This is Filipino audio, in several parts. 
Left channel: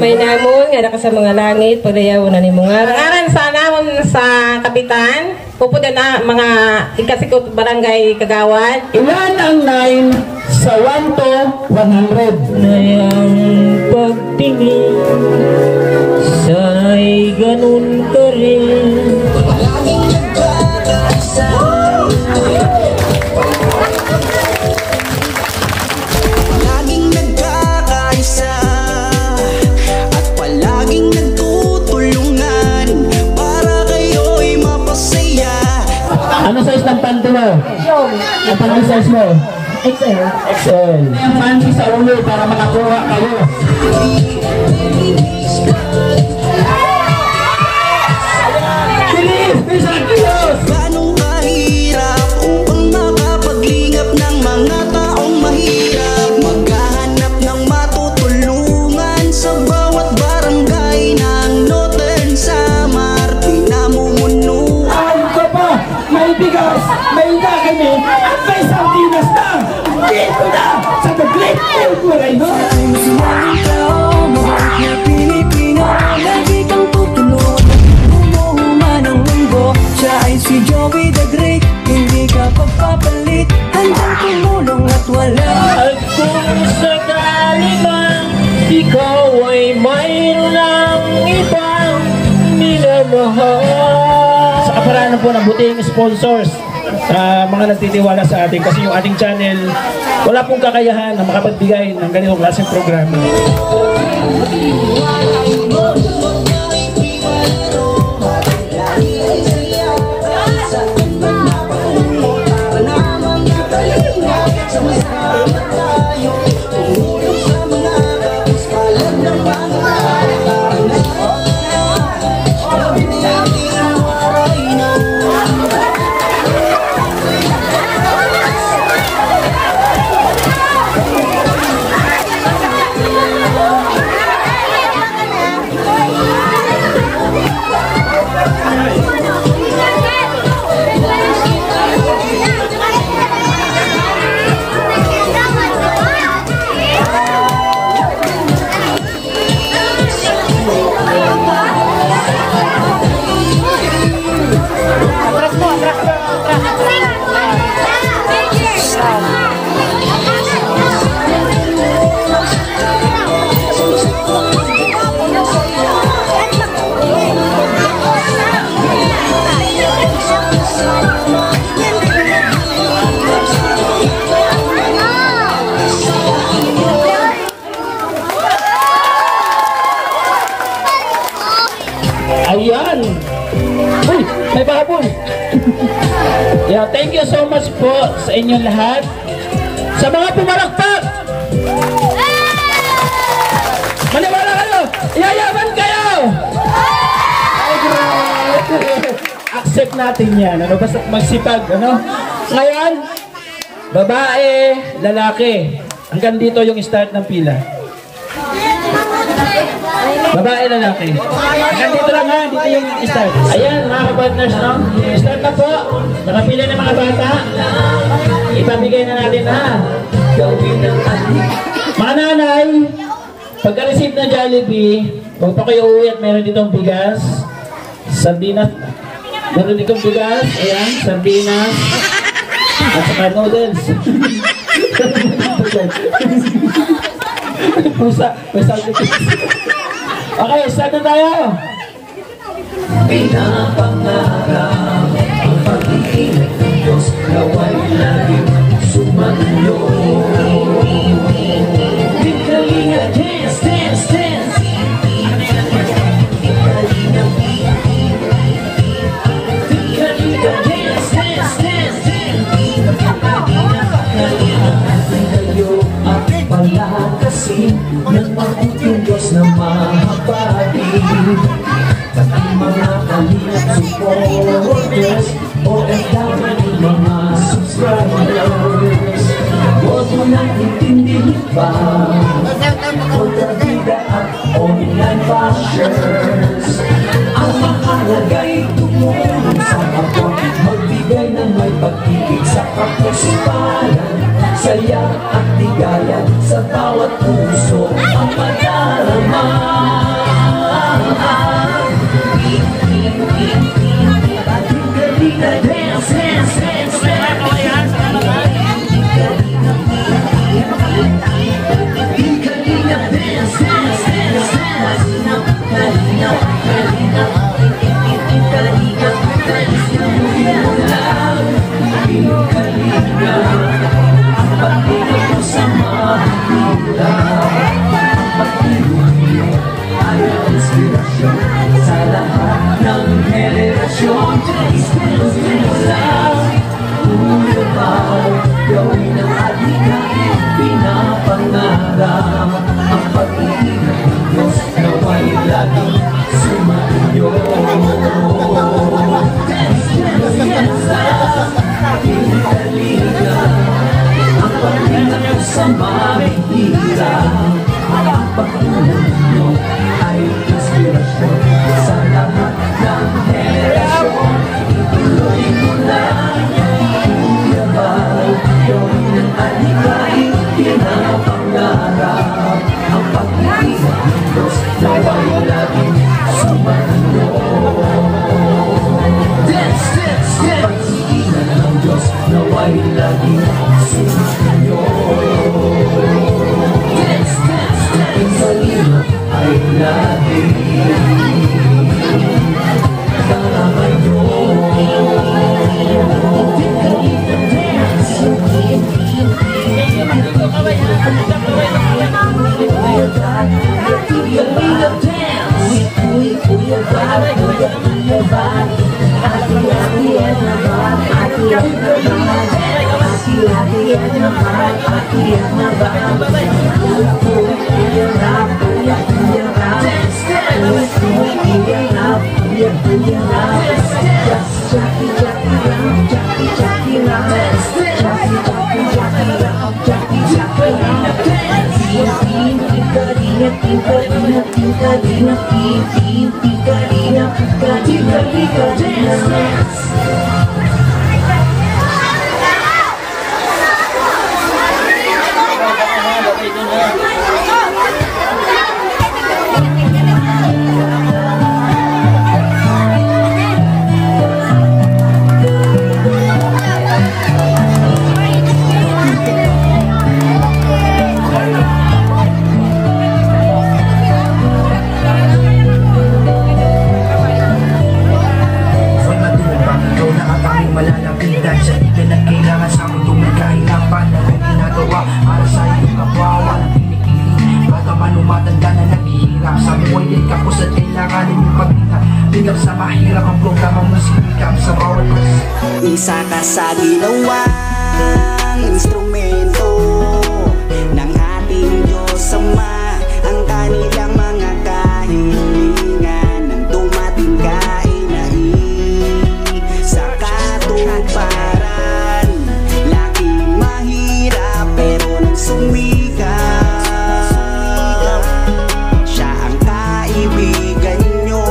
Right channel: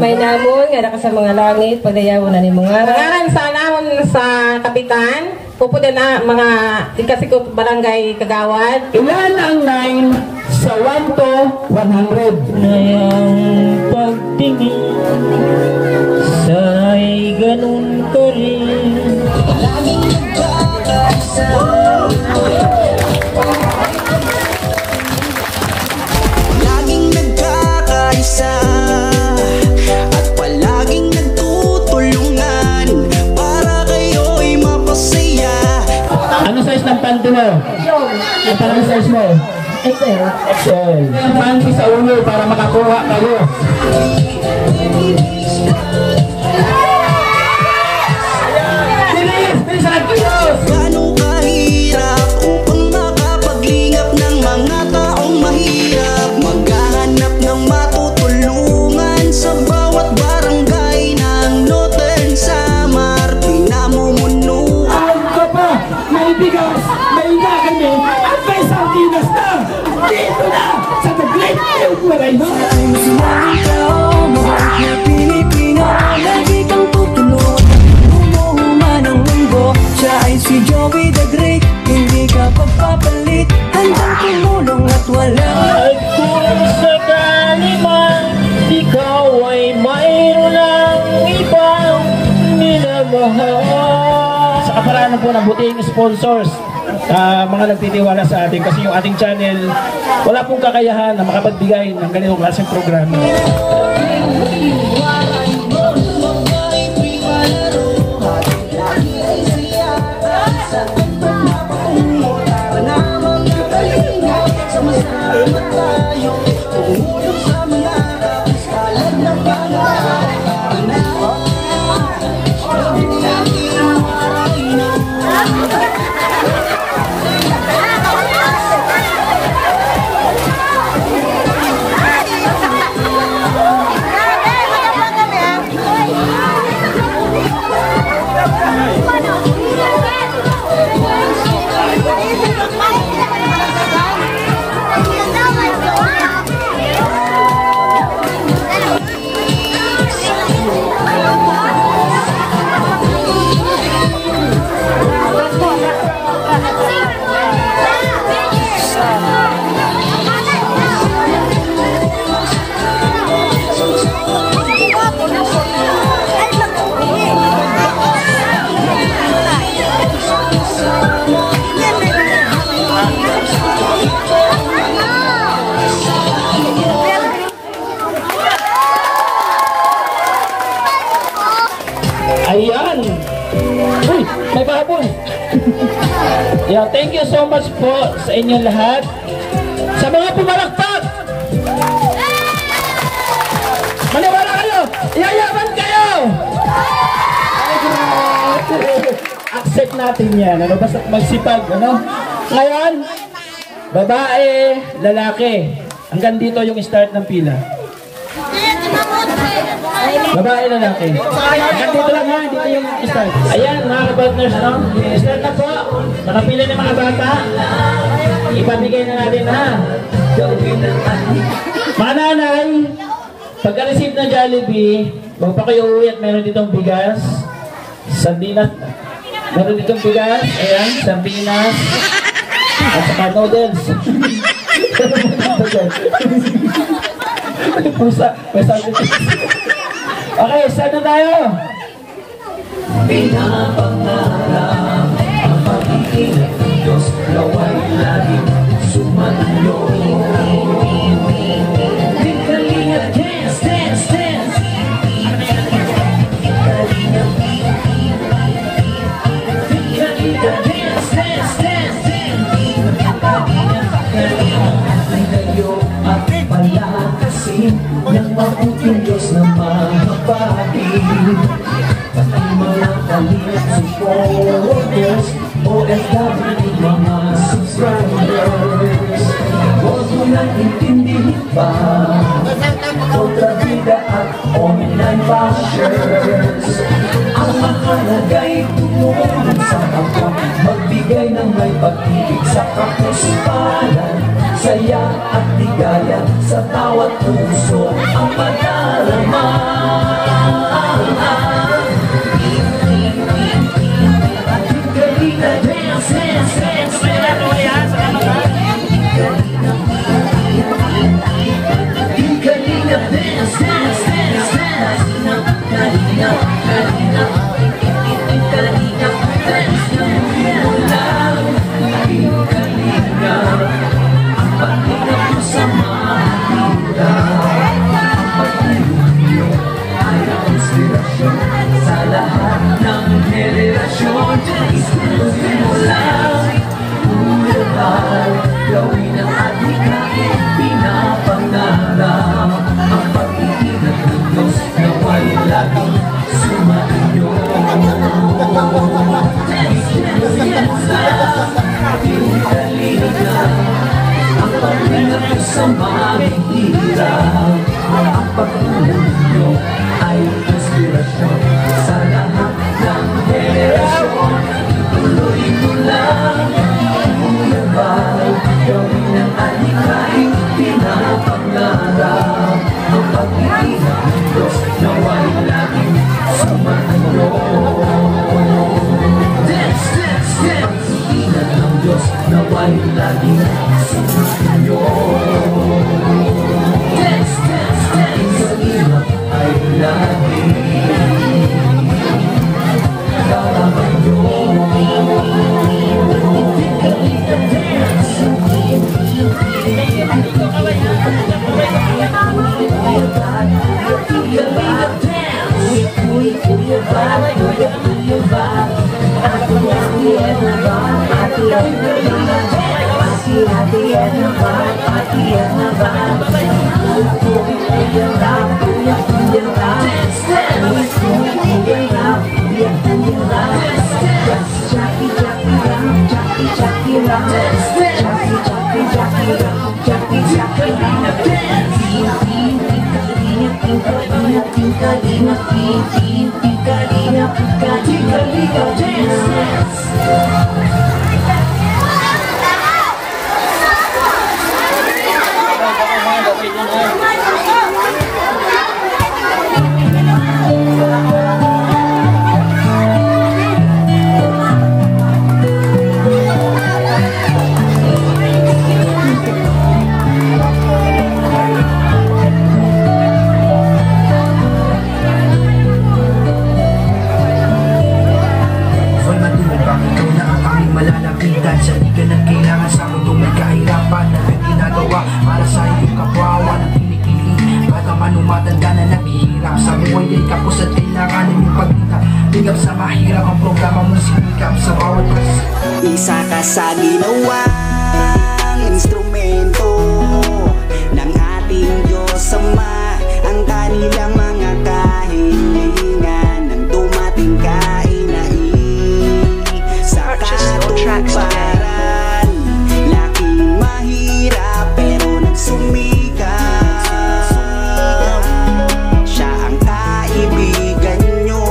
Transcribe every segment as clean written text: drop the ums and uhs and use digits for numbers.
Kamay namon nga naka sa mga langit pagdayaw na ni mga Ngaran sa namon sa kapitan, pupuda na mga ikasikot barangay Kagawad. Ilan ang 9 sa 1 to 100? Nayang pagtingin, sana'y ganun ka rin. Laging nagkakaisa, laging nagkakaisa, at palaging nagtutulungan para kayo'y mapasaya. Ano size ng panty mo? Ang panty size mo? XL. XL. Ang panty sa ulo para makakuha kayo. Ganong kahirap upang makapaglingap ng mga taong mahirap, maghahanap ng matutulungan sa bawat barangay ng Northern Samar pinamumunuan. Ang ka pa, may bigas, may nakami, at may sardinas na! Dito na sa The Great Field Waray mo! Ang sinang ikaw, mabalik na Pilipino, lagi kang tutulungan. Umuhuman ang mundo, siya ay si Joey the Great. Hindi ka pagpapalit, handang tumulong at wala. At kung sakali man, ikaw ay mayroon ng ibang minamahal. Sa kaparaanan po ng buting sponsors, mga nagtitiwala sa atin kasi yung ating channel wala pong kakayahan na makapagbigay ng ganitong klaseng programa. Ayan! Uy! May baboy! Yeah, thank you so much po sa inyong lahat. Sa mga pumalakpak! Maniwala kayo! Yayaman kayo! Ay, grabe! Accept natin yan. Ano? Basta magsipag. Ano? Ngayon, babae, lalaki. Hanggang dito yung start ng pila. Babae, lalaki. Hanggang dito lang ha, dito yung start. Ayan, mga kapartners, no? Start na po. Nakapila ng mga bata. Ipamigay na natin ha. Mga nanay, pagka-receive ng Jollibee, huwag pa kayo uwi at meron ditong bigas, sardinas, meron ditong bigas, ayan, sardinas, at saka noodles. May pusa, may sardinas. Okay, start na tayo. Pinapangarap ang pag-ibig ng Diyos, nawa'y laging sumayo. Bigkalinga, dance, dance, dance. Bigkalinga, bigkalinga, dance, dance, dance, dance. Bigkalinga, kayo at palakasin ng mabuting Diyos na mahabagin. Pati mga kalingap supporters, OFW mga subscribers, huwag mo lang intindihin pa kontrabida at online bashers. Ang makalagay tumulong sa kapwa, magbigay ng may pag-ibig sa kapusipanan, saya at ligaya sa bawat puso ang madarama. sa mahihirap. Ang pagtulong nyo ay inspirasyon sa lahat ng henerasyon. Ituloy mo lang yung yabaw, gawin ang alikay pinapangarap. Ang pag-ibig ng Diyos nawa'y laging sumayo. Dance, dance, dance, ang Diyos nawa'y laging sumayo. Dance, dance, dance, sa lima ay laging isa ka sa ginawang instrumento ng ating Diyos Ama. Ang kanilang mga kahilingan nang dumating ka sa katuparan. Laking mahirap pero nang sumikap, siya ang kaibigan nyo.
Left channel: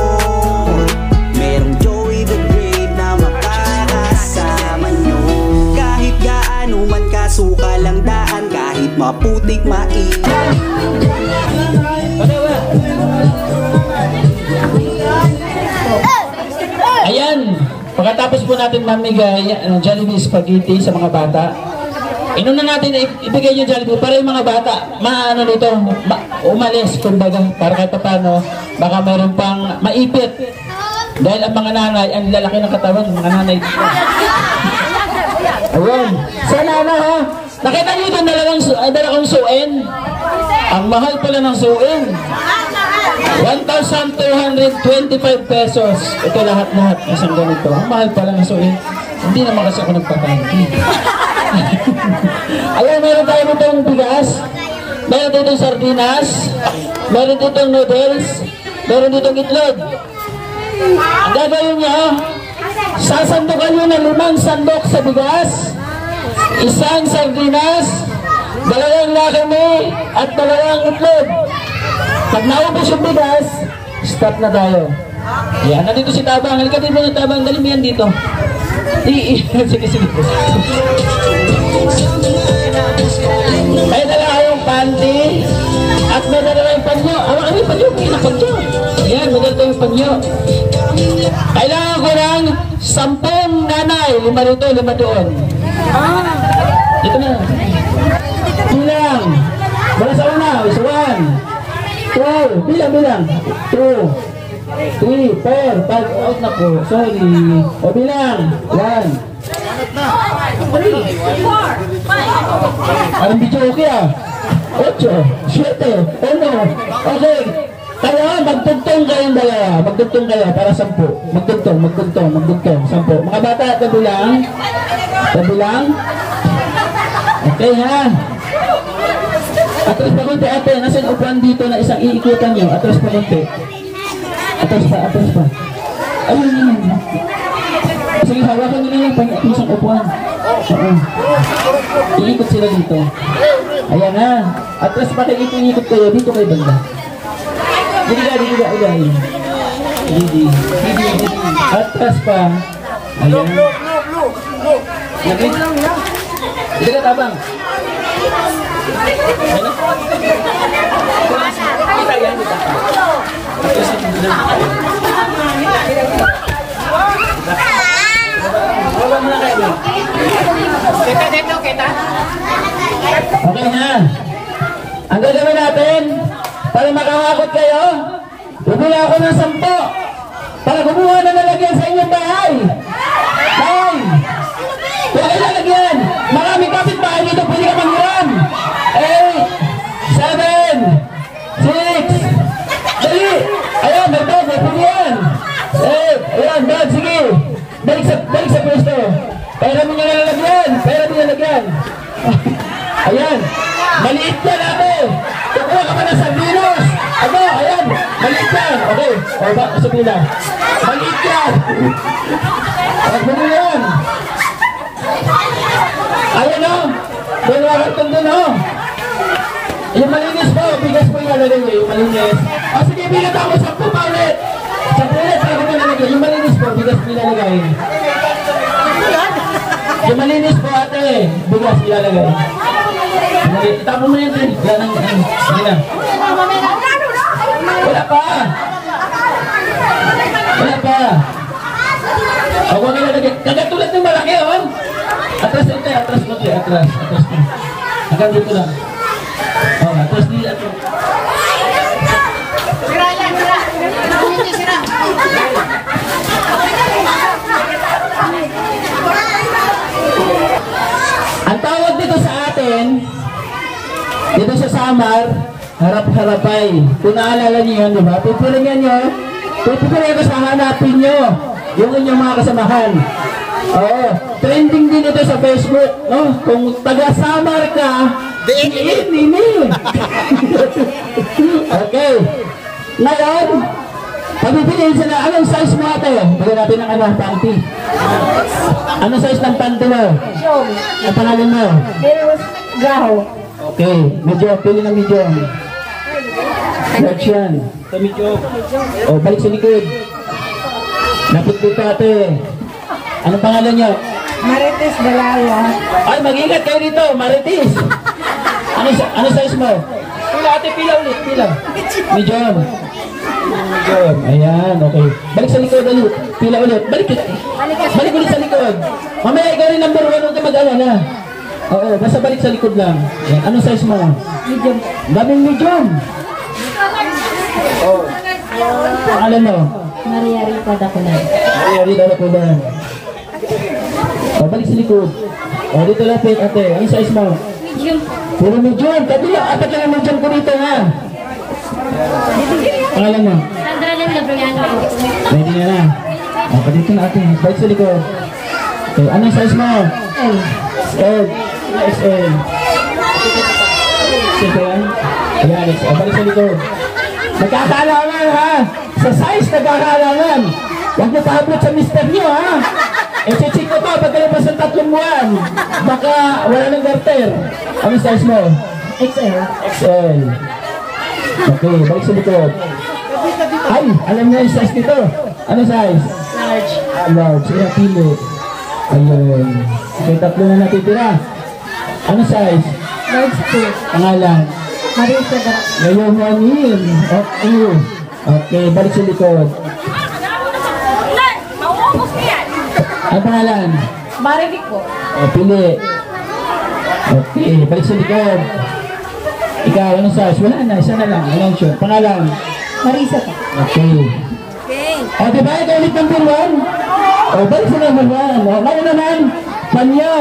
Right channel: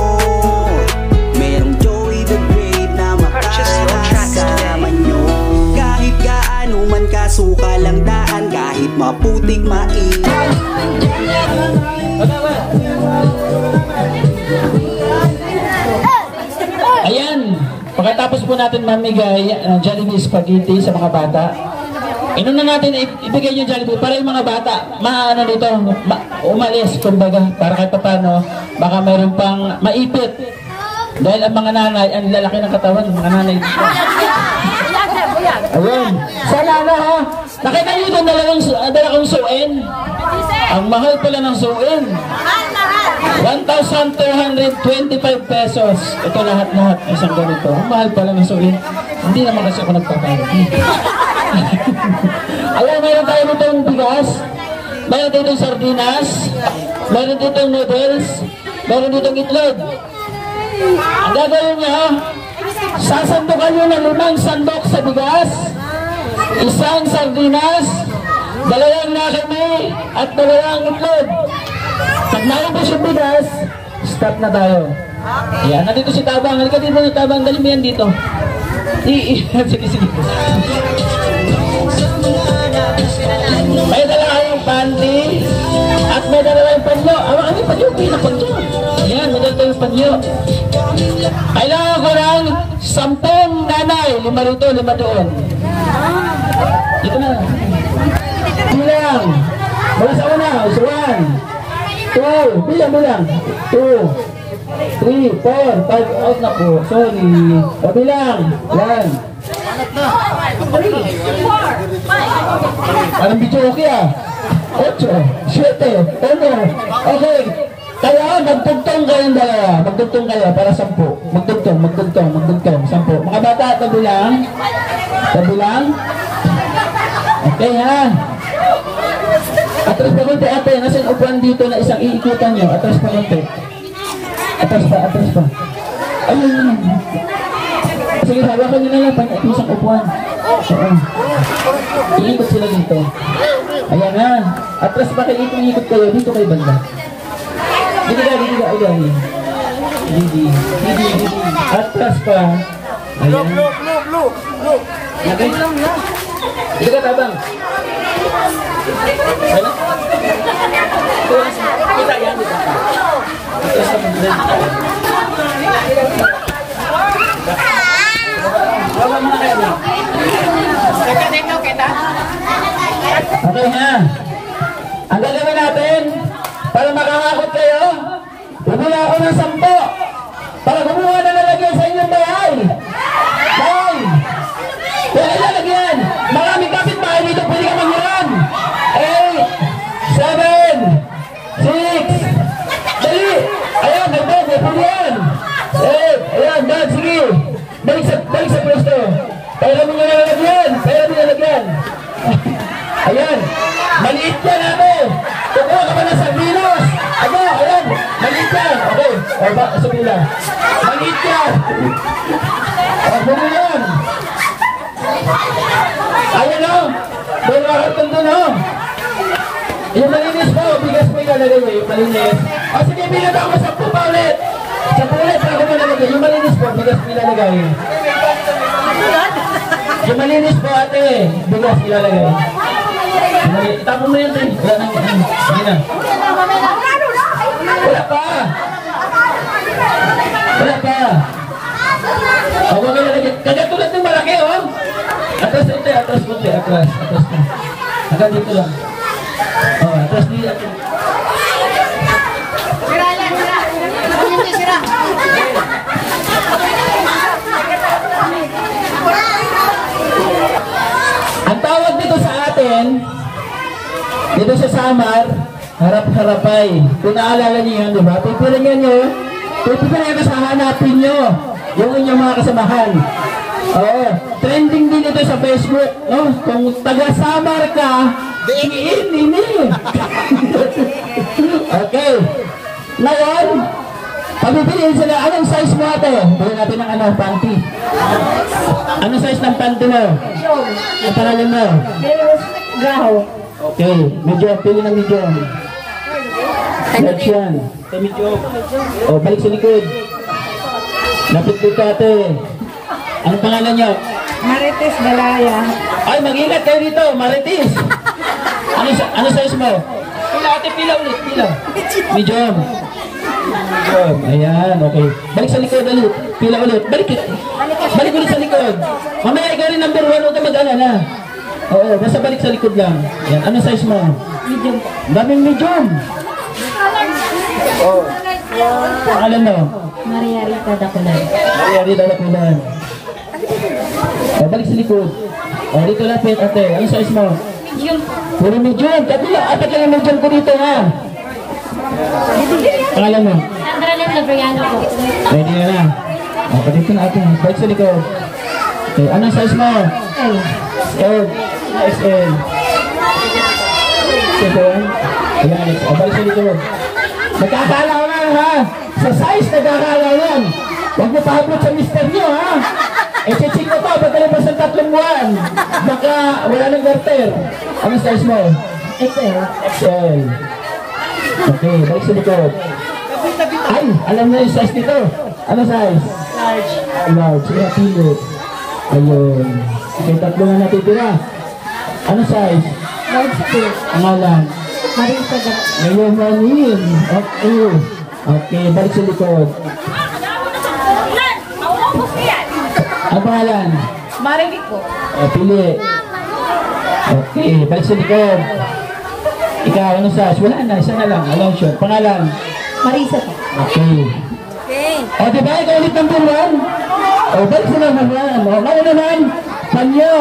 Merong Joey the Great na makakasama nyo. Kahit gaano man kasukal ang daan, kahit maputik mainit. Ayan, pagkatapos po natin mamigay Jollibee Spaghetti sa mga bata, inuna natin ibigay yung Jollibee para yung mga bata maano nito, umalis kumbaga, para kahit paano baka mayroon pang maipit. Dahil ang mga nanay, ang lalaki ng katawan, yung mga nanay dito. Ayun, sana na ha, nakita nyo itong dalawang suin. Ang mahal pala ng suin, 1,225 pesos. Ito lahat-lahat, isang ganito. Ang mahal pala ng suin. Hindi naman kasi ako nagpapanti. Ayan, meron tayo ditong bigas, meron ditong sardinas, meron ditong noodles, meron ditong itlog. Ang gagawin nyo, sasandukan nyo ng 5 sandok sa bigas, 1 sardinas, 2 nakami, at 2 itlog. Pag naubos yung bigas, stop na tayo. Yan, nandito si Tabang. Halika dito na Tabang, dali mo yan dito. Sige, sige. May dala kayong panty at may dala kayong panyo. Awan kami panyo, panyo. Yan, may dala kayong panyo. Kailangan ko ng 10 nanay. 5 rito, 5 doon. Dito na. Bilang. Wala sa una. 1, 2, bilang. 2, 3, 4, 5, out na po. Sorry. O bilang. Yan. 3, 4, 5. Anong video okay ah? 8, 7, 8. Okay. Kaya magtugtong kayong dalawa. Magtugtong kayo para 10. Magtugtong. 10. Mga bata, tabilang. Okay, yan. Atras pa konti ate. Nasa yung upuan dito na isang iikutan nyo. Atras pa konti. Atras pa. Ayun. Sige, hawakan nyo na lang pag isang upuan. Iikot sila dito. Ayan na. Atras pa kayo, ikot kayo. Dito kayo banda. Dito ka. Didi. Atras pa. Ayan. Nabi. Dito ka tabang. Ayan na. Kita yan, kita. Atras ka muna. Baba mo na kayo. Okay na. Ang gagawin natin, para makakakot kayo, bumula ako ng 10 para gumawa na lalagyan sa inyong bahay. 9. Wala lalagyan. Maraming kapitbahay dito, pwede ka manghiram. 8, 7, 6. Dali. Ayan, may pwede yan. 8. Ayan, bad, sige. Balik sa pwesto. Pera mo nyo nalagyan. Ayan. Maliit yan, ate. Kukuha ka pa ng sardinos. Ayan. Maliit yan. Okay. Sa pila. Maliit yan. Huwag yan. Ayan o. Dalawa kartong dun o. Yung malinis po. Bigas po ilalagay mo. Yung malinis. Sige, bilang ako 10 pa ulit. 10 ulit. Ako nalagay. Yung malinis po. Bigas po ilalagay. Yung malinis po, ate. Bigas ilalagay. Itapon mo yan din. Wala na. Wala pa. Huwag kayo lagyan. Kagatulad ng malaki, oh. Atras ito, atras. Hanggang dito lang. Atras dito. Ang tawag dito sa atin, dito sa Samar, harap-harapay. Kung naalala niyo yun, di ba? Pipiringan nyo sa hanapin nyo yung inyong mga kasamahan. Trending din ito sa Facebook, no? Kung taga-Samar ka, ini. Okay. Ngayon, pabibigyan sila, anong size mo ate? Bigyan natin ng panty. Anong size ng panty mo? Ang pangalan mo? Gaho. Okay, medium, pili ng medium. Large yan. Sa medium. Balik sa likod. Lapit dito ate. Anong pangalan nyo? Marites Balaya. Ay, mag-ingat kayo dito, Marites. Ano size mo? Pila ate, pila ulit, pila. Medium. Ayan, okay. Balik sa likod ulit. Pila ulit. Balik ulit sa likod. Mamaya ikaw rin number 1, huwag ka mag-alala. Basta balik sa likod lang. Ayan. Anong size mo? Medium. Daming medium. Alam mo? Maria Rita Dakunan. Balik sa likod. Dito lapit, ate. Anong size mo? Medium. Puro medium. Apat lang yung medium ko dito, ha? Pangalan mo? Sandra Lim Labriano po. Ready na. Dito na ate. Balik sa likod. Okay, anong size mo? XL. Sige yan. Ayan, balik sa likod. Magkakaalaman, ha? Sa size, magkakaalaman. Huwag mo pahabot sa mister nyo, ha? Check ko to, pagkalipas ng 3 buwan. Baka wala ng garter. Anong size mo? XL. Okay, balik sa likod. Ay, alam mo yung size nito. Ano size? Large. Large. Kaya pili. Ayun. Okay, 3 na natitira. Ano size? Large 2. Pangalan? Marisa Dakunan. Ngayon, manin. Okay, balik sa likod. Ang pangalan? Marivic po. Pili. Okay, balik sa likod. Ikaw, ano size? Wala na, isa na lang. Alam siya. Pangalan? Marisa po. Okay. Diba ikaw ulit number 1? Balik sa number 1. Ngayon naman, panyo.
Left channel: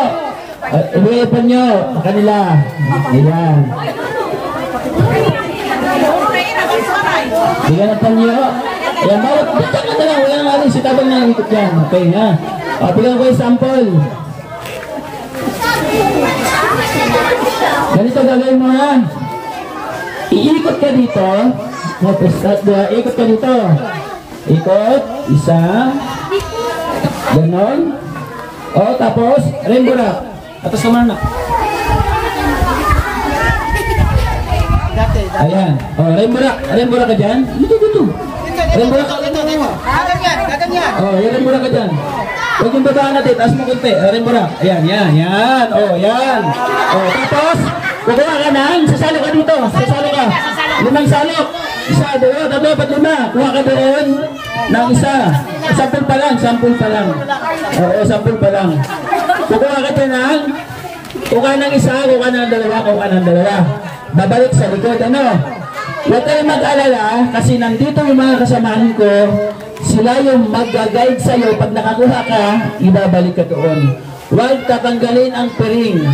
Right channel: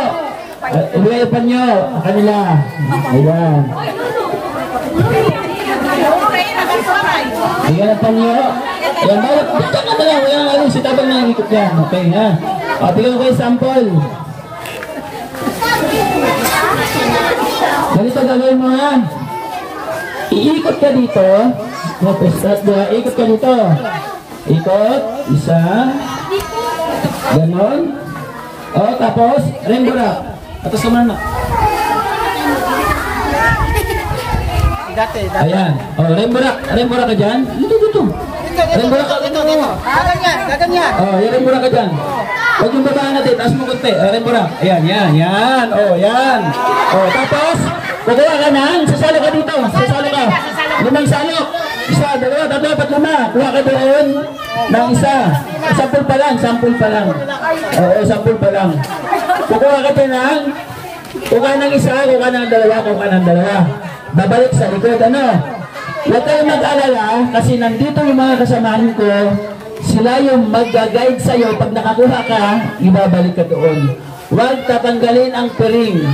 Ibigay panyo. Kanila. Ayan. Bigyan ng panyo. Ayan, bawat. Bigyan ka na lang. Wala nga rin. Sitabang na yung ikot yan. Okay, ha? Bigyan ko yung sample. Ganito gagawin mo, ha? Iikot ka dito. Ikot ka dito. Ikot. Isa. Ganon. Tapos, rainbow rock. Atas ka muna. Rembura ka dyan? Dito. Rembura ka dito. Oh, rembura ka dyan. Huwag yung babaan natin, taas mo konti. Rembura. Ayan. Oh, yan. Oh, tapos, kaya ka na, sasali ka dito. Sasali ka. 5 salok. 1, 2, 3, 4, 5. Kuha ka doon ng isa. Sample pa lang. Oo, sample pa lang. Kukuha ka dyan ng kuha ng isa, kuha ng dalawa. Babalik sa likod. Ano? Huwag kayong mag-alala kasi nandito yung mga kasamahan ko. Sila yung mag-guide sa'yo. Pag nakakuha ka, ibabalik ka doon. Huwag tatanggalin ang piring.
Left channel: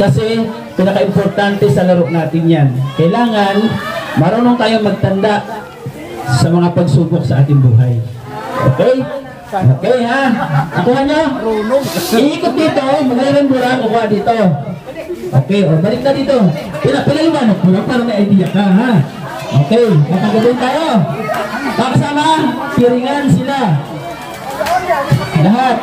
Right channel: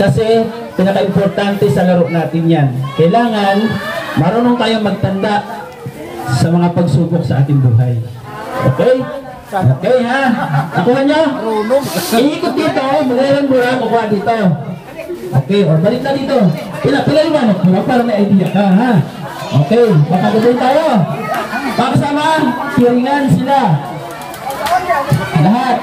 Kasi pinaka-importante sa laro natin yan. Kailangan marunong tayong magtanda sa mga pagsubok sa ating buhay. Okay? Okay ha? Nakuha niya? Iikot dito. Mag-alambura. Kukuha dito. Okay. O, balik na dito. Pinaliwanag mo lang para may idea ka ha? Okay. Makagabay tayo. Makasama. Piringan sila. Lahat.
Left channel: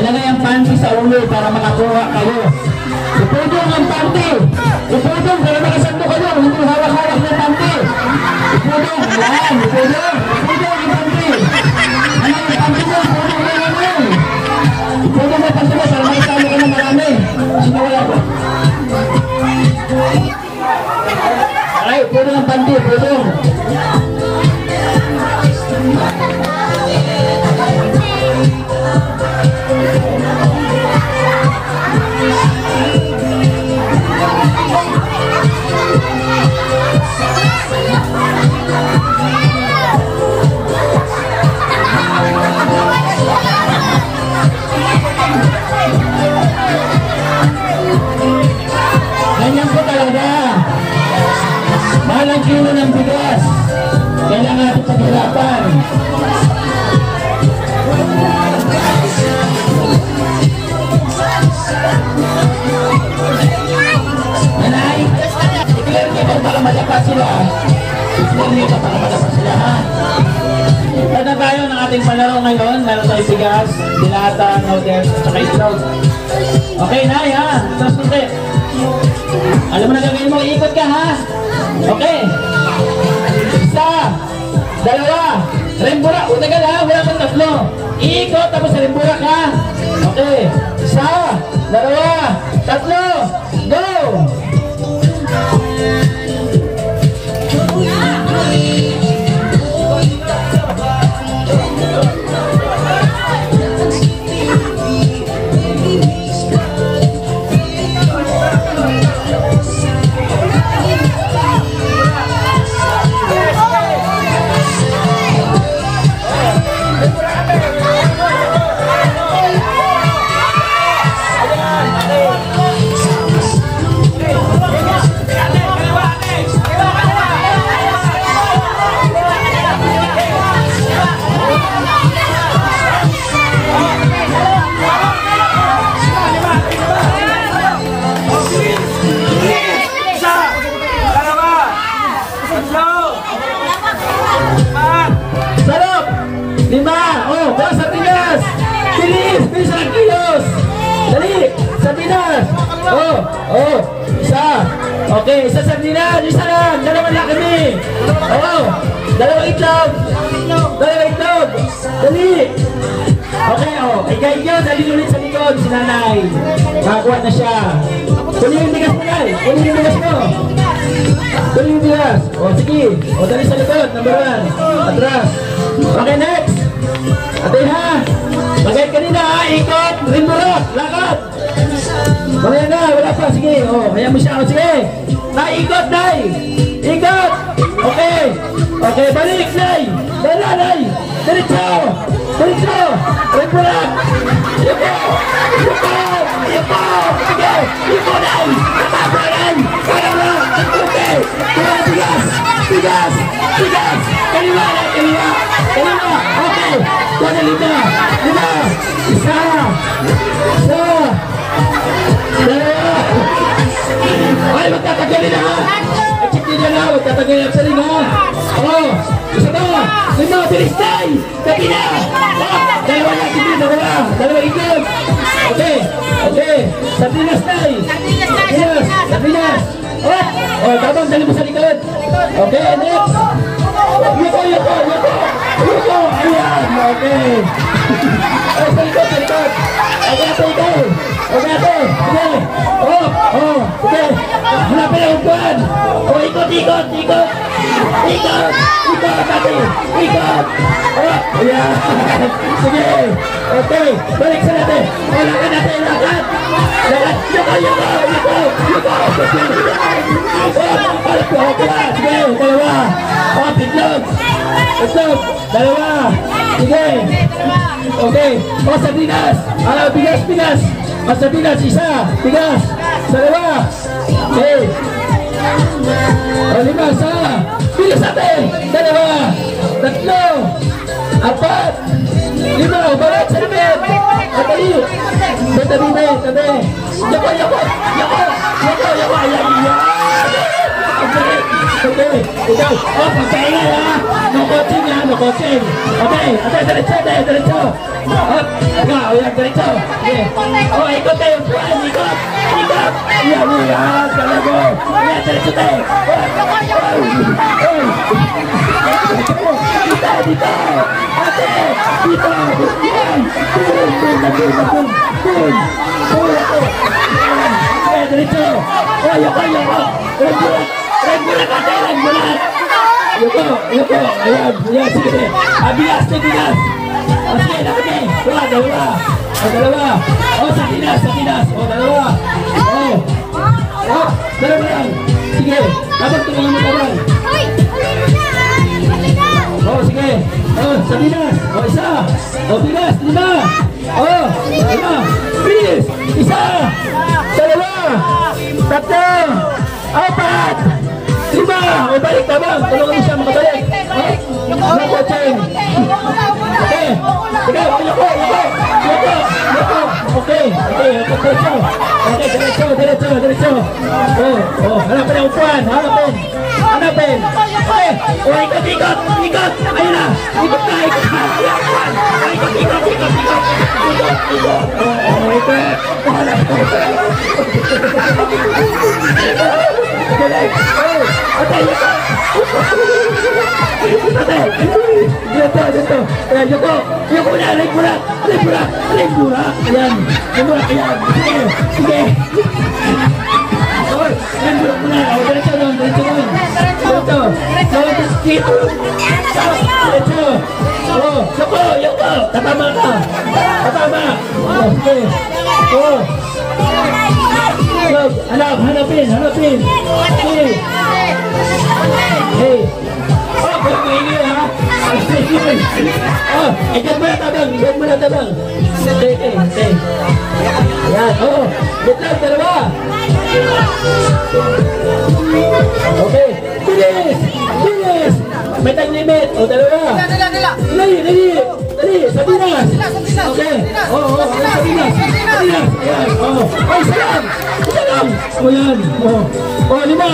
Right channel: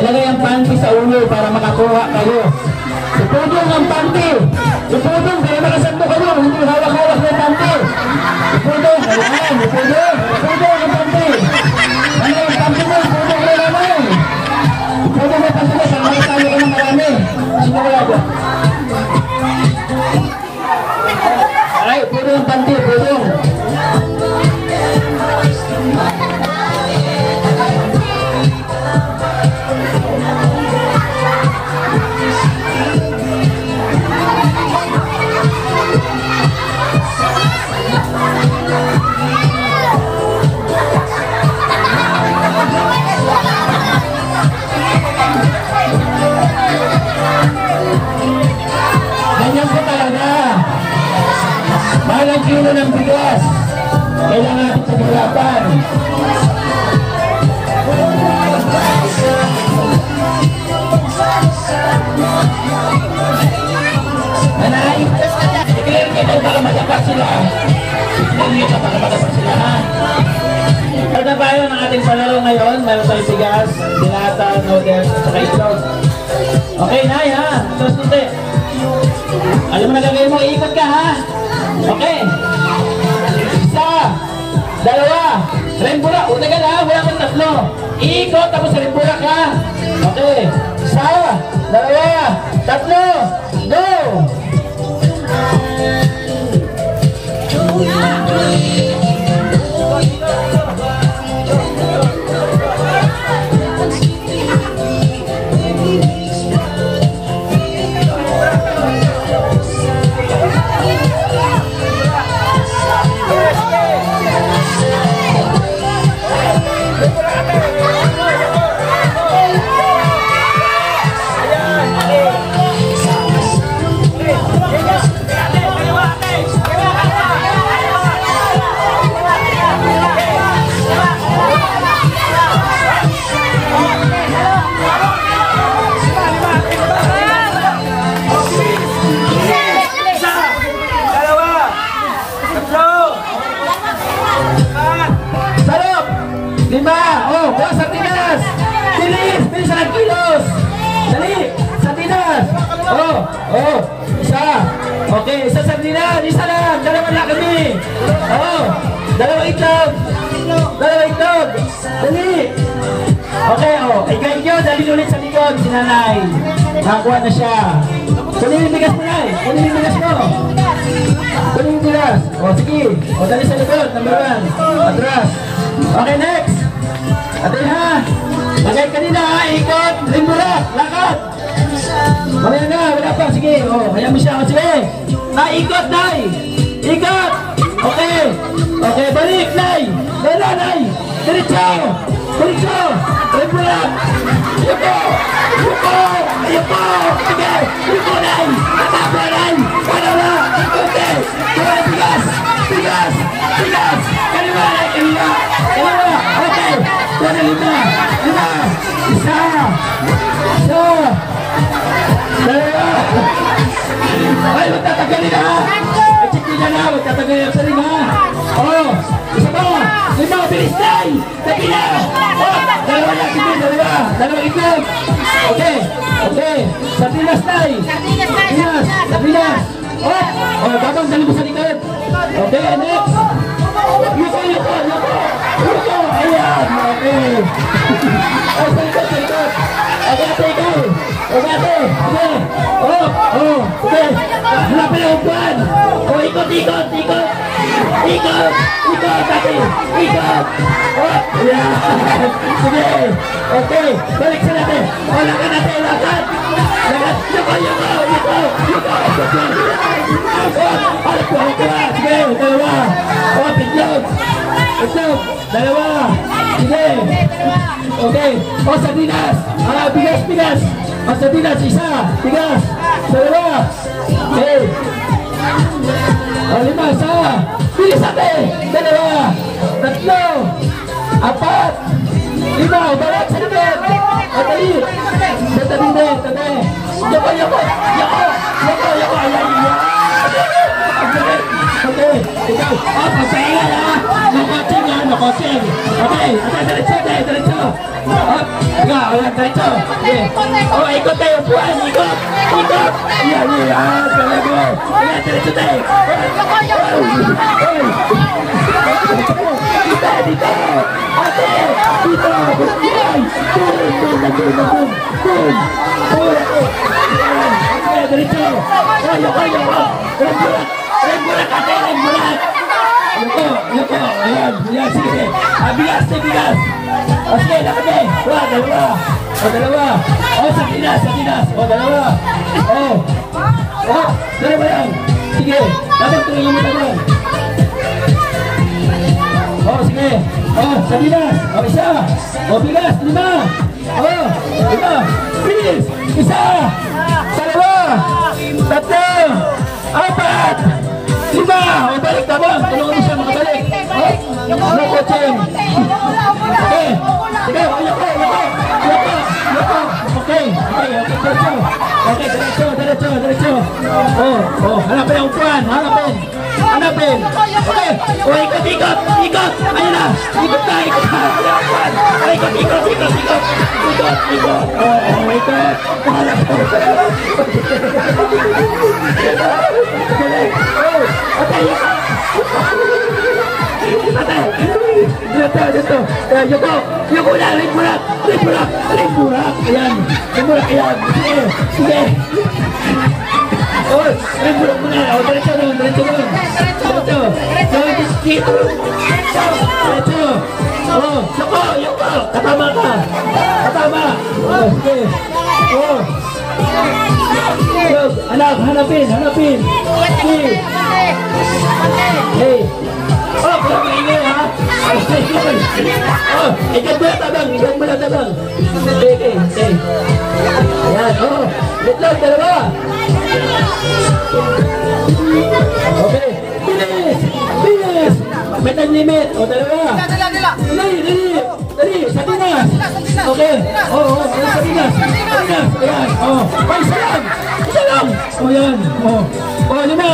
Ilagay ang panty sa ulo para makakuha kayo. Ipudong ang panty. Ipudong, kaya makasando kayo. Hindi hawak-hawak ng panty. Ipudong, ayan. Ipudong ang panty. Ano yung panty mo? Ipudong na naman. Ipudong ang panty mo para makasalo ka ng marami. Sino kaya ko? Ay, ipudong ang panty. Ipudong. Mahal kilo ng bigas. Kailangan natin pag-arapan. Nanay, i-clear kita para malakas sila. I-clear kita para malakas sila, ha? Ano tayo ng ating palaro ngayon? Meron tayo bigas, dilata, noodles, at saka itlog. Okay, Nay, ha? Tapos nito. Alam mo na gagawin mo, iikot ka, ha? Okay. 1, 2, rembura. Utagal ha, wala kang 3. Iikot tapos rembura ka. Okay. 1, 2, 3, go! Okay, isa sardinas, isa lang, 2 lakadi. Oh, 2 itlog. 2 itlog. Dali. Okay, oh, ikay nyo, dali ulit sa likod, si nanay. Nakakuha na siya. Kunin yung bigas mo na. Kunin yung bigas mo. Kunin yung bigas. O, sige. O, dali sa likod. Number 1. Atras. Okay, next. Atay ha. Lagay kanina ha. Ikot. Rimbulat. Lakad. Mamaya na. Wala pa. Sige. O, kaya mo siya. O, sige. Naikot, Nay. Ikot. Okay. Okay, balik, Nay. Bala, Nay. Diretso. Diretso. Rimbulat. Ikot. Ikot. Ikot. Sige. Ikot, Nay. Katabra, Nay. Kalawa. Okay. Bigas. Bigas. Bigas. Bigas. Kaliwa, Nay. Kaliwa. Kaliwa. Okay. Kuha lima. Lima. Isa. Isa. Dalawa. Ay, magtatagaling ha. Ay, na, magtatagaling ang saling ha. Oh, isa na. Lima. Bilis, Nay. Kapila. Oh, dalawa na. Sige, dalawa. Dalawa ikot. Okay. Okay. Sabinas, Nay. Sabinas. Sabinas. Oh, oh, babang dali mo sa likod. Okay, next. Yuko, yuko, yuko. Yuko. Ayan. Okay. Ay, sa likod, sa likod. Okay, ate, ikaw. Okay, ate. Sige. Oh, oh. Okay. Hanapin ang upuan. Oh, ikot, ikot, ikot. Ikot. Ikot, ate. Ikot. Oh, ayan. Sige. Okay. Balik sa natin. Oh, lakad natin, lakad. Lakad. Yuko, yuko, yuko. Yuko. Alat ko, upuan. Sige, dalawa. Oh, pigyot. Ito, dalawa. Sige. Okay. Oh, sabinas. Bigas, bigas. Sabinas, isa. Bigas. Dalawa. Okay. Oh, lima, isa. Bilis natin. Dalawa. Tatlo. Apat. Lima. Bawat sa namin. Atali. Tabi na. Tabi. Yoko, yoko. Yoko. Yoko, yoko. Ayan. Okay. Okay. Oh, pasaya na. Nakotsing na. Nakotsing. Okay. Okay. Diretso. Diretso. Ayan. Ayan. Diretso. Okay. Oh, ikot tayo. Puan. Ikot. Ikot. Ayan. Ayan. Talago. Ayan. Diretso tayo. Oy. Dito. Dito. Ate. Dito. Ayan. Boom. Okay. Diretso. Yoko. Yoko. Rembulat ate, rembulat. Yuko, yuko. Ayan, ayan, sige. Bigas, bigas. O sige, dapat eh. Dalawa. O, dalawa. O, sakinas. O, dalawa. O, dalawa yan. Sige, dapat tulungan mo tayo. O, sige. O, sakinas. O, isa. O, bigas, lima. O, lima. Bilis. Isa. Dalawa. Tatlo. Apat. Lima! O, balik na ba? Tulungan mo siya makabalik. Ano ko, Cheng? Okay. Sige, yuko. Okay. Diretso. Hanapin ang upuan. Hanapin. Okay. O, ikot. Ayun na. Ikot ka. Ikot. Dito. Yuko na, rimbulat. Ayan. Sige. Oh, rimbulat mo na. Diretso lang. Diretso. Oh, yuko. Tatama ka. Oh, sige. Oh. Anak, hanapin. Sige. Hey. Oh, pag-ingay ha. Oh, ikan mo na tabang. Okay. Ayan, oh. Dito, dalawa. Okay. Bilis. May time limit. O, dalawa. Dali. Sabinas. Okay. Oh, Sabinas. Ayan. Oh, isa lang. O, yan. Oh, lima.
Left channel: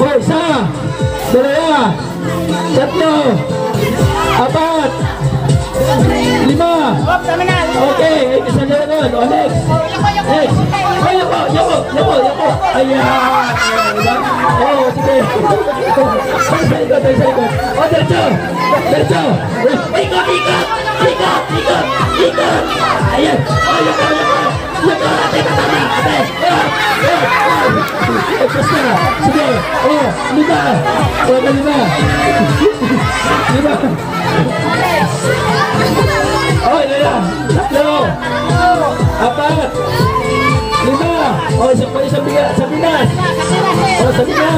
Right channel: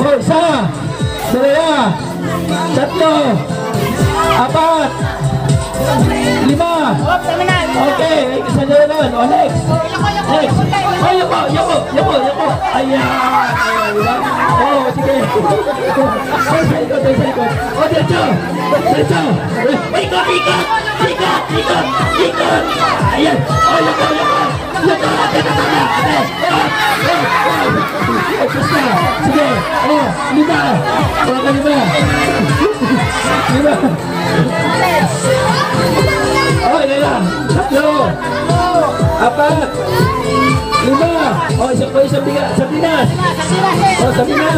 Oh, isa. Dalawa. Tatlo. Apat. Lima. Okay. Isa na lang. O, next. Yoko. Ayan. Oh, sige. Sa likod. O, diretso. Ikot. Ayan. O, yoko. Ate, tama.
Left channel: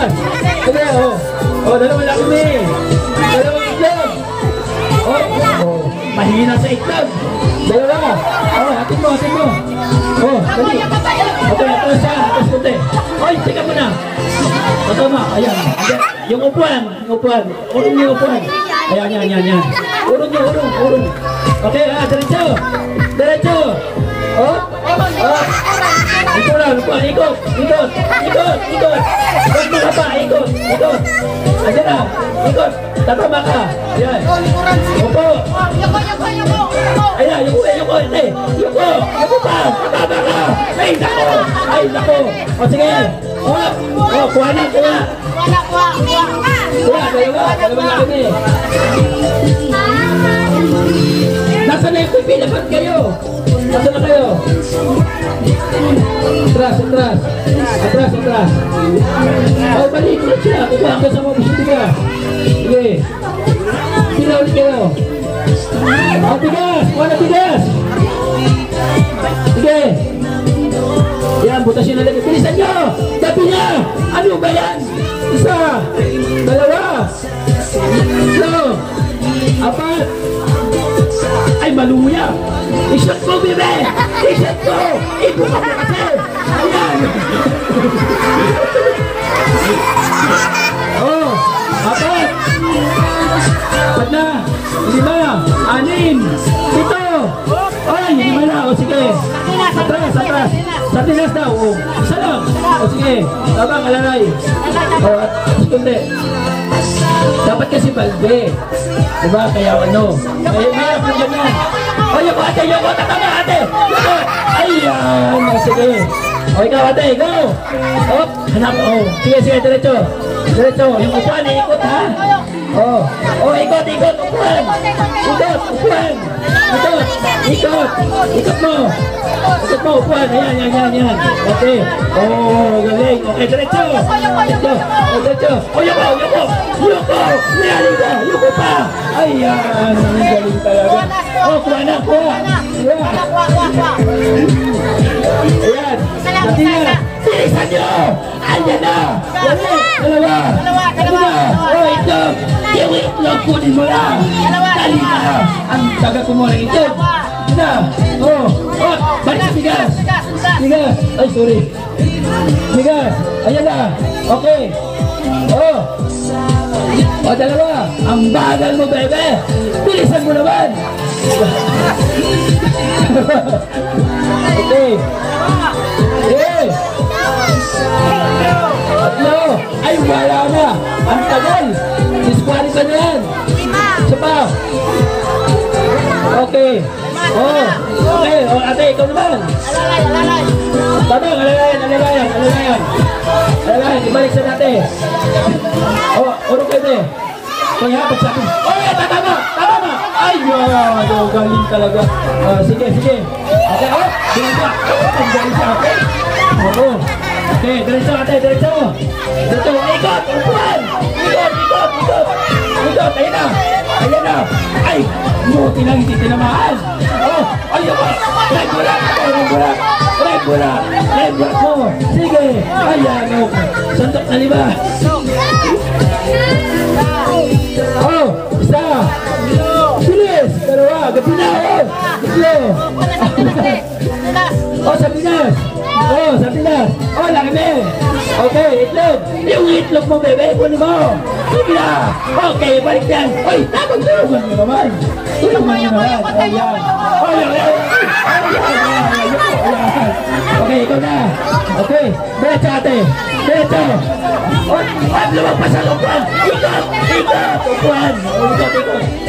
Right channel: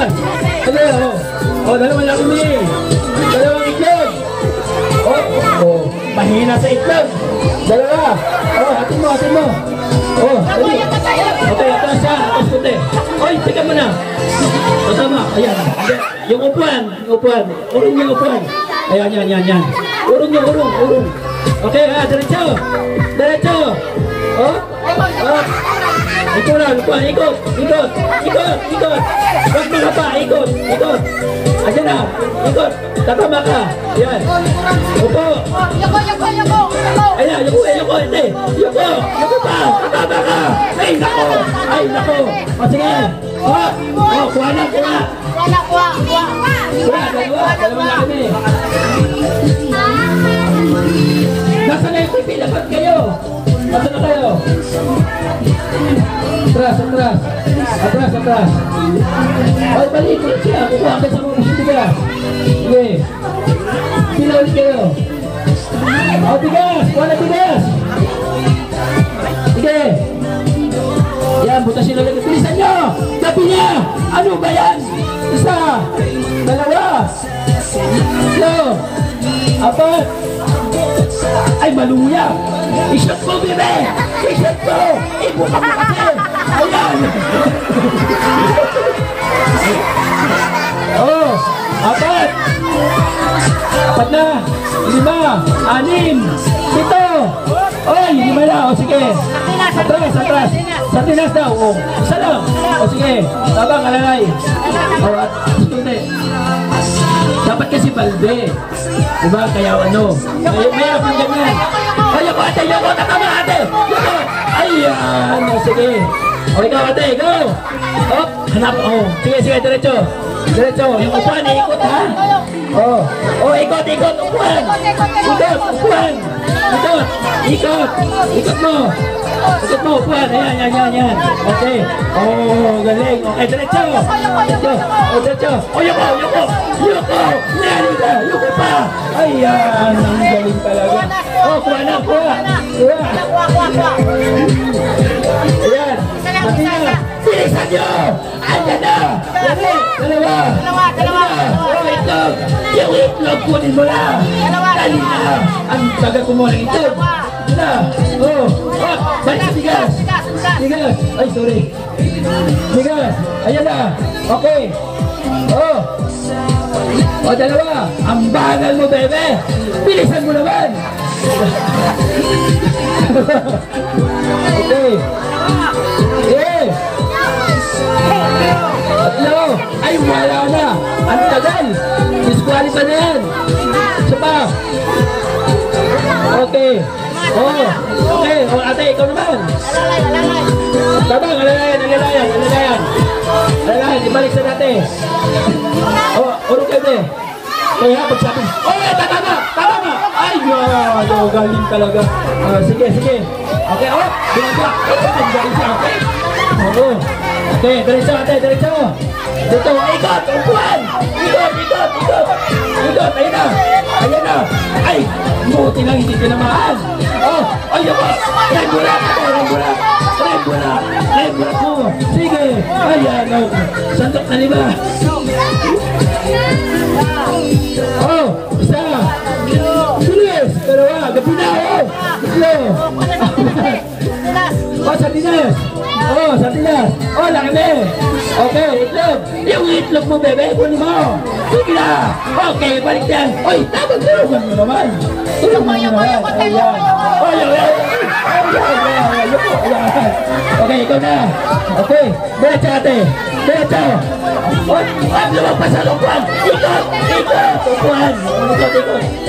Sardinas. Okay, oh. Oh, dalawa lang kami. Dalawang itlog. Oh. Mahina sa itlog. Dalawa. Oh, hatid mo. Oh, dali. Okay, atas siya. Atas kunti. Ay, teka mo na. Tama. Ayan. Yung upuan. Urong yung upuan. Ayan. Urong. Okay, diretso. Oh. Ito lang, ikot. Huwag mo pa, ikot. Ayan na, ikot. Tatama ka. Ayan. Upo. Ayan, yuko. Yuko pa. Tatama ka. Ay, nako. O, sige. Kuha na. Dalawa na kami. Nasa na yung TV, dapat kayo. Nasa na kayo. Atras. Ay, balik siya. Kuha ka sa mga bisita. Sige. Sila ulit kayo. O, tigas. Kuha na tigas. Sige. Yan, butasin na lang. Bilisan nyo. Sabi niya. Ano ba yan? Isa. Dalawa. Tatlo. Apat. Ay, maluya. I-shot mo, bebe. I-shot mo. Ibuka mo kasi. Ayan. Oh, apat. Apat na. 5, 6, 7. Ay, 5 na. O, sige. Atras. Sardinas na. O, isa lang. O, sige. Babang, alalay. O, kundi. Dapat kasi balde. Diba? Kaya ano? Mayroon ng ganyan. O, yung ate. Tatama ate. Ayan. O, sige. O, ikaw ate. Go. O, hanap. O, sige. Diretso. Yung upuan, ikot ha. O, ikot. Upuan. Ikot mo. Upuan. Ayan. Okay. O, galing. Okay, diretso. O, yuko. Yuko pa. Ayan. Galing talaga. O, kuha na. Ayan. Sardinas. Bilisan nyo. Ayan na. Dalawa. O, itlog. Yung itlog, kunin mo lang. Dali na. Ang taga kumuha ng itlog. Na. O, balik sa bigas. Ay, sorry. Bigas. Ayan na. Okay. O, dalawa. Ang bagal mo, bebe. Bilisan mo naman. Okay. Tatlo. Ay, wala na. Ang tagal. Disqualify na yan. Isa pa. Okay. Okay. O, ate, ikaw naman. Alalay. Tabang, alalayan. Ibalik sa ate. O, urong kayo. Kaya pagsabi. Tama. Ay, wow. Galing talaga. Sige. Okay, ang galing siya, okay? Oo. Okay, diretso. Ikot. Upuan. Ikot. Ayan na. Ay, buti lang hindi tinamaan. Ayoko. Rebulak mo. Sige. Ayan. Sandok na 5. Isa. Bilis. Pero gabi na. Sardinas. Laki. Okay, itlog. Yung itlog mo, bebe, kunin mo. Sige na. Okay, balik yan. Oy, tulungan mo naman. Okay, ikaw na. Okay, diretso ate. Lumabas sa upuan.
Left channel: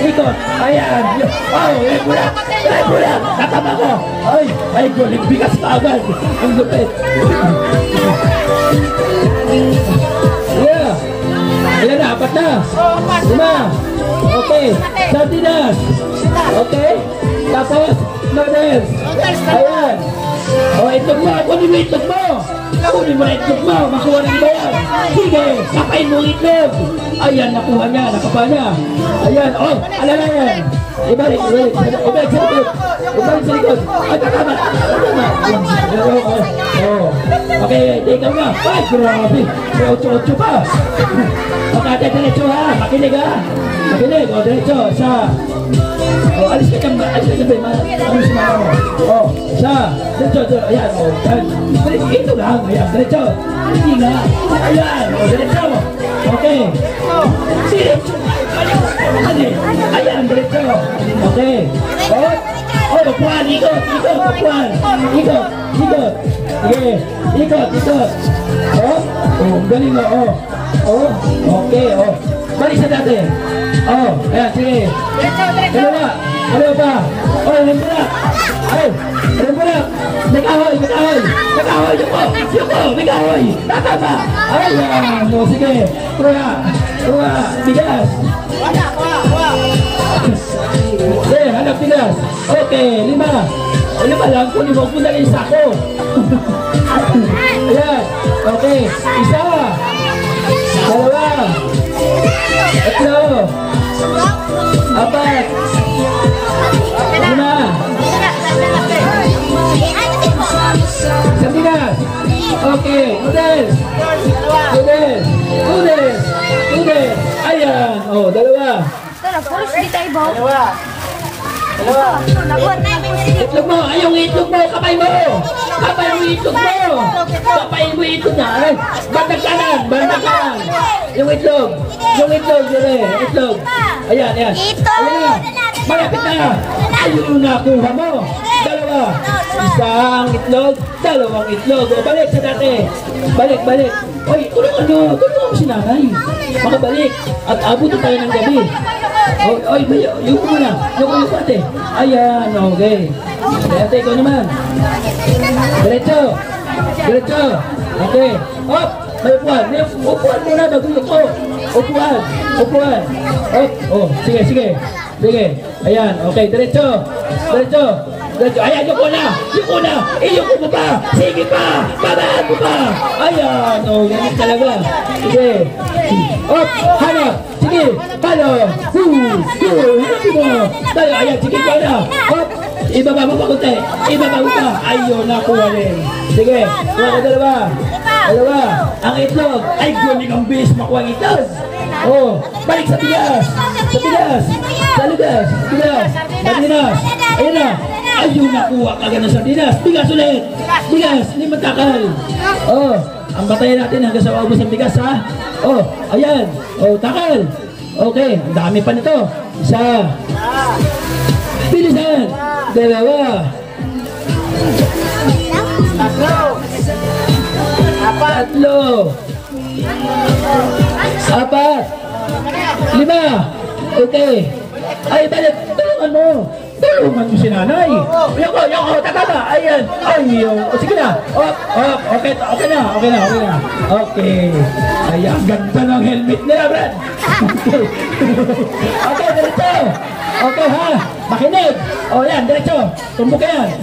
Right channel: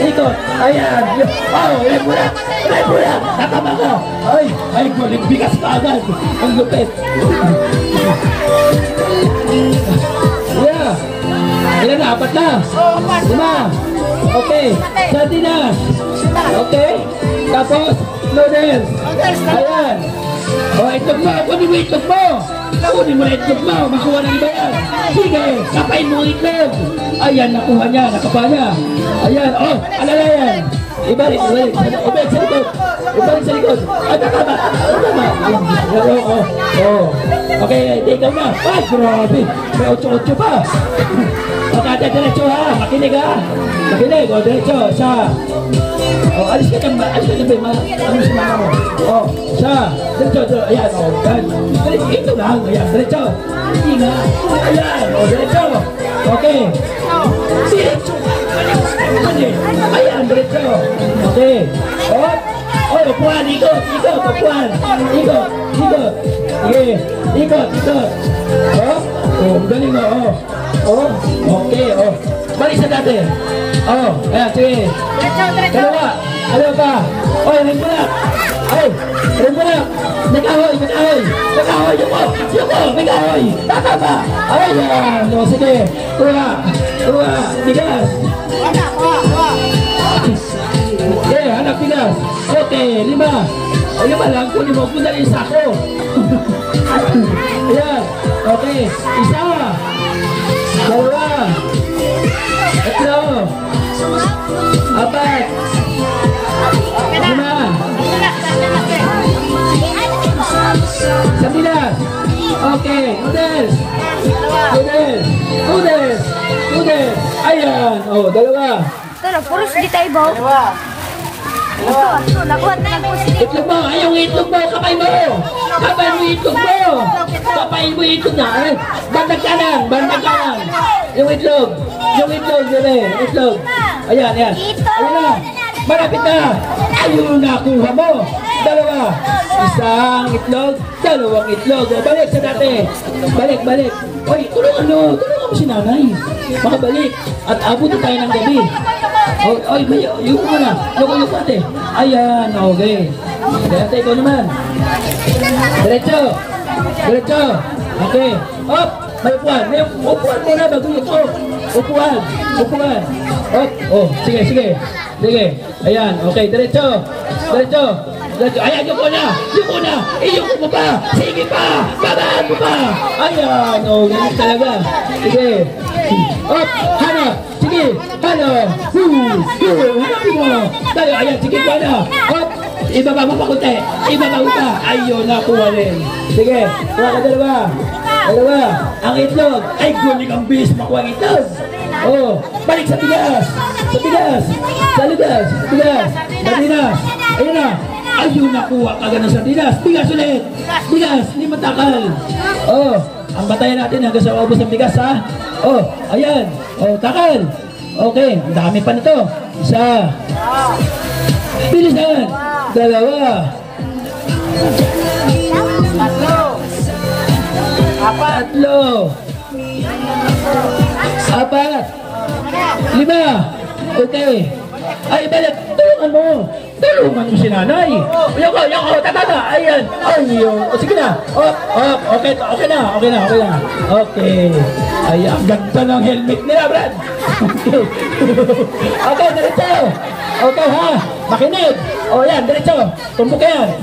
Ikot. Ayan. Rebulak. Tatama ko. Ay, guling bigas ka agad. Ang lupit. Yeah. Ilan na? 4 na? 5. Okay. Sardinas. Okay. Tapos, noodles. Ayan. O, itlog mo. Kunin mo itlog mo. Kunin mo na itlog mo, makuha ng iba yan. Sige, kapain mo itlog. Ayan, nakuha niya, nakakuha niya. Ayan, oh, alala yan. Ibalik sa likod. Ibalik sa likod. Ay, tama. Oh. Okay, ikaw na. Ay, grabe. May 8-8 pa. Okay, diretso ha. Makinig ha. Makinig, o, diretso. Sa. Oh, alis ka dyan. Ano si mama mo? Oh, sa. Diretso. Ayan, o. Ito lang. Ayan, diretso. Hindi nga. Ayan, o, diretso. Okay. Diretso. Ayan, diretso. Okay. Oh, upuan. Ikot. Upuan. Ikot. Sige. Ikot. Oh, galing mo. Oh, okay. Oh. Balik sa dati. Oh, ayan, sige. Dalawa pa. Oh, rimulak. Ay, rimulak. Nag-ahoy. Yuko, nag-ahoy. Tatama. Ayan. Oh, sige. Kuha. Bigas. Okay, hanap bigas. Okay, 5. Ayun pa lang, kunin mo na yung sako. Ayan. Okay, 1. 2. 3. 4. 5. Sabinas. Okay, noodles. Ayan. Oh, 2. Dalawa. Itlog mo, ay yung itlog mo, kapay mo itlog na. Bandang kanan. Yung itlog, itlog. Ayan na. Malapit na. Ayun yung nakuha mo. 2. Isang itlog, 2 itlog. O, balik sa dati. Balik. Oy, tulungan mo si nanay. Makabalik. At abutin tayo ng gabi. Oy, yung muna. Yung ate. Ayan, okay. Ate, ikaw naman. Diretso. Okay. Hop, may upuan. Upuan muna bago ito. Upuan. Oh, sige. Ayan, okay. Diretso. Ayan, yuko na. Iyuko mo pa. Sige pa. Babaan mo pa. Ayan, oh, ganyan talaga. Sige. Hop, hanap. Sige, palo. Hanapin mo. Tayo, ayan, sige pa na. Hop, ibaba mo pa kunti. Ayun, nakuha rin. Sige, kuha ko 2. Ang itlog. Ay, gulik ang bilis makuha ang itlog. Oh, balik sa bigas. Sardinas. Ayun na. Ayun, nakuha ka ganun sardinas. Bigas ulit. Hindi matakal. Oh, ang batayan natin hanggang sa ubos ng bigas, ha? Oh, ayan. Oh, takal. Okay, ang dami pa nito. 1. Bilisan. 2. 4. 5. Okay. Ay, balik. Tulungan mo si nanay. Yoko, tatama. Ayan. Ayun. Sige na. Okay na. Okay. Ayan, ganda ng helmet nila, Brad. Okay, diretso. Okay, ha? Makinig. Yan, diretso. Tumbok ka yan.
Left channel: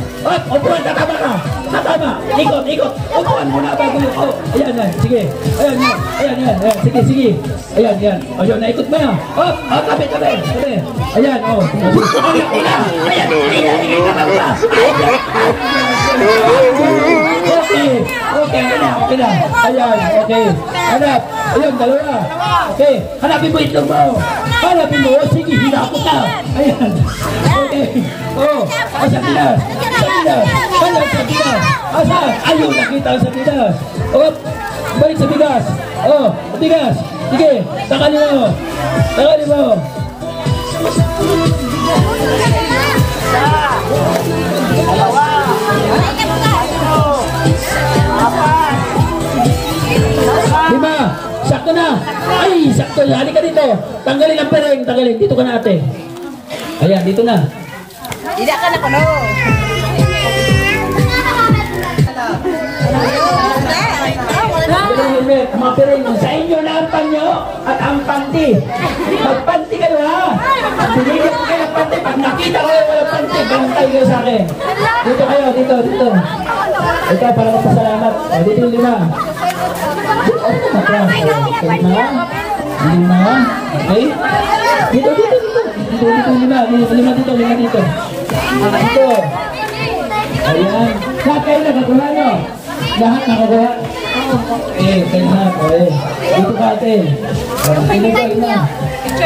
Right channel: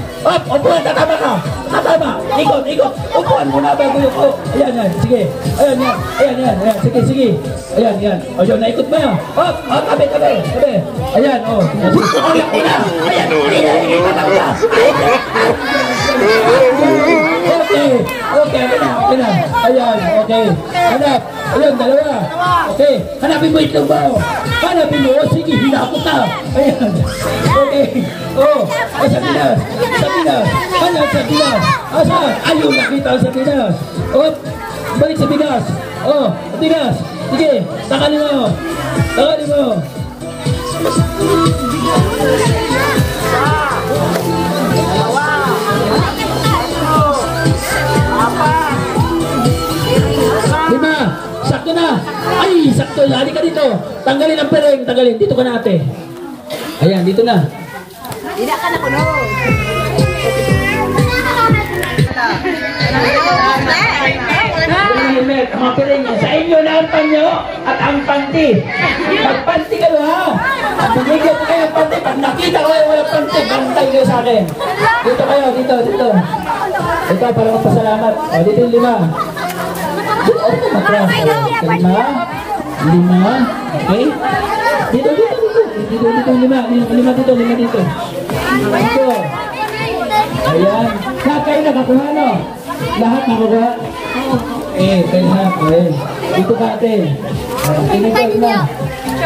Upuan, tatama ka. Ikot. Upuan mo na bago yung ayan. Sige. Ayan. Sige. Ayan. Ayan, naikot mo yan. Kapit. Ayan, Okay, ayan, okay. Hanap. Ayan, 2. Okay, hanapin mo itlog mo. Sige, hinakot na. Ayan. Okay. Sardinas. Hanap sardinas. Asan? Ayun, nakita ang sardinas. Balik sa bigas. Bigas. Sige, takalin mo. Lima. Sakto na. Ay, sakto. Halika ka dito. Tanggalin ang pereng. Dito ka na, ate. Ayan, dito na. Tidak ka na kuno. Mga pereng. Sa inyo na ang panyo at ang panty. Magpanty kayo, ha? Binigyan ko kayo panty. Pag nakita kayo ng panty, bantay kayo sa akin. Dito kayo. Ito, para magpasalamat. Dito yung lima. Lima. Okay? Dito. Dito, lima. Lima dito. Dito. Ayan. Lahat kayo nakakuha, no? Lahat nakakuha? Okay, lahat. Okay. Dito ka, ate. Lima.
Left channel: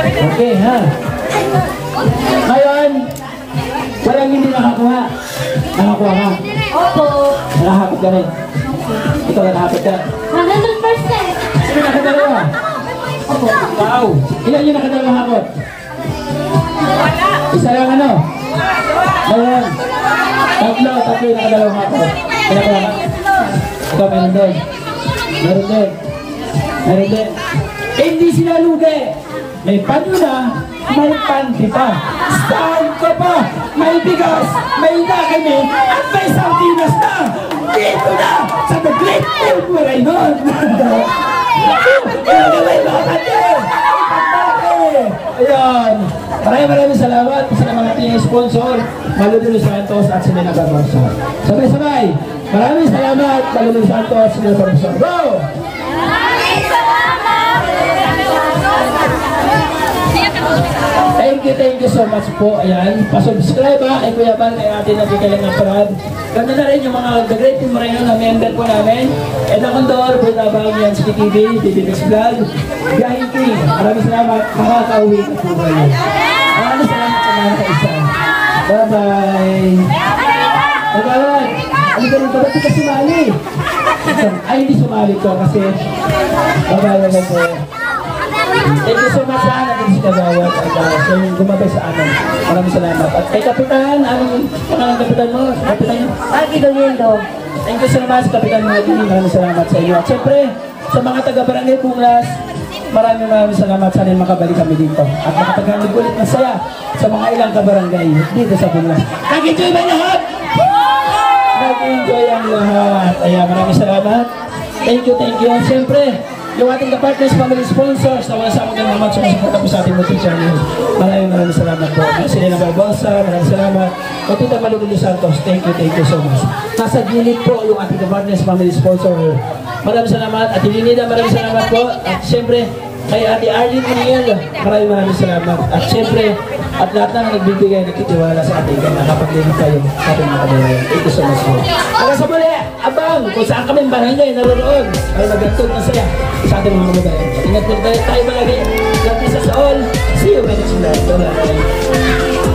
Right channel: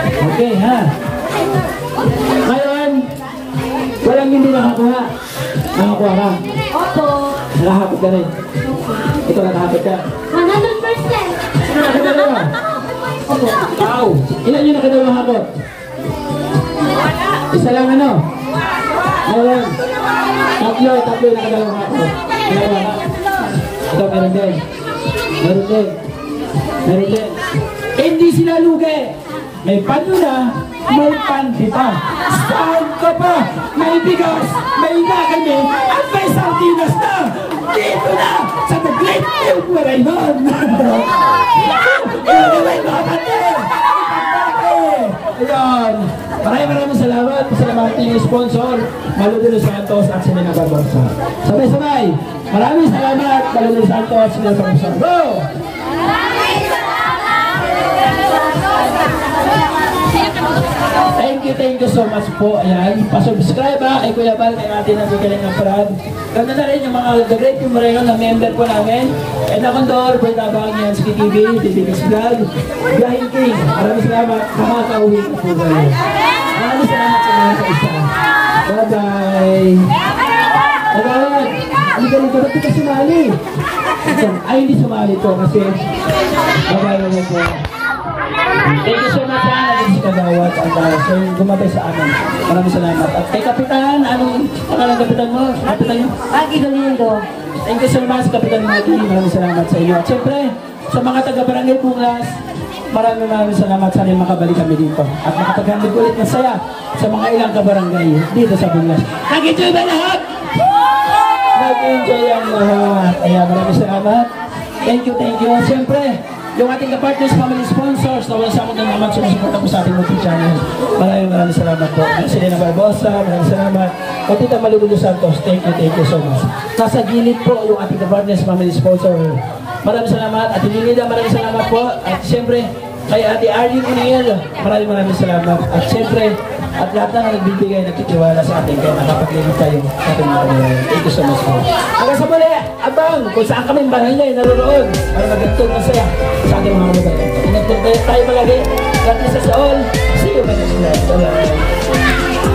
Okay, ha? Ngayon, walang hindi nakakuha. Nakakuha ka? Opo. Nakahapot ka rin? Ito nakahapot ka? 100%. Sino nakadalawa? Opo. Ikaw. Ilan yung nakadalawa hapot? Isa lang ano? Ngayon. Tatlo yung nakadalawa hapot. Kaya ito meron din. Hindi sila lugi. May panyo na, may panty pa. Saan ka pa? May bigas, may nakami, at may sardinas na! Dito na! Sa The Great Field Marayon! Ilagawin mo ang atin! Ayan! Maraming salamat sa mga ating sponsor, Maludino Santos at Selena Barbosa. Sabay-sabay! Maraming salamat, Maludino Santos at Selena Barbosa. Go! Thank you so much po. Ayan, pasubscribe kay Kuya Bal, kay atin nagkikaling ng parad. Ganda na rin yung mga The Great Team Marayon na member po namin. Edna Condor, Boy Tabang, yan, Ski TV, DBX Vlog, Gahing King. Maraming salamat. Makakauwi na po kayo. Maraming salamat sa mga kaisa. Bye-bye. Bye-bye. Ano ganun ka? Ba't ka sumali? Ay, hindi sumali to kasi bye-bye po. Thank you so much sa akin si Kagawad at sa yung gumabay sa amin. Maraming salamat. At kay Kapitan, anong pangalan Kapitan mo? Kapitan nyo? Pagi Doliendo. Thank you so much Kapitan Maggie. Maraming salamat sa inyo. At syempre, sa mga taga-Barangay Bungas, maraming salamat. Sana makabalik kami dito. At makapaghandog ulit ng saya sa mga ilang kabarangay dito sa Bungas. Nag-enjoy ba lahat? Nag-enjoy ang lahat. Ayan, maraming salamat. Thank you. Syempre, yung ating ka-partners, family sponsors na wala sa amin naman sumusuporta po sa ating YouTube channel. Maraming salamat po. Selena Barbosa, maraming salamat. Kapita Maludino Santos, thank you so much. Nasa gilid po yung ating ka-partners, family sponsor. Maraming salamat. At Ilinida, maraming salamat po. At siyempre, kay Ate Arlene Uniel, maraming salamat. At siyempre, at lahat na nagbibigay, nagtitiwala sa ating kaya nakapaglimit kayo sa ating mga kabayan. Thank you so much po. Hanggang sa muli, abang kung saan kami barangay naroon para magantog na saya sa ating mga kabayan. Ingat po tayo palagi. God bless us all. See you next time. Bye-bye.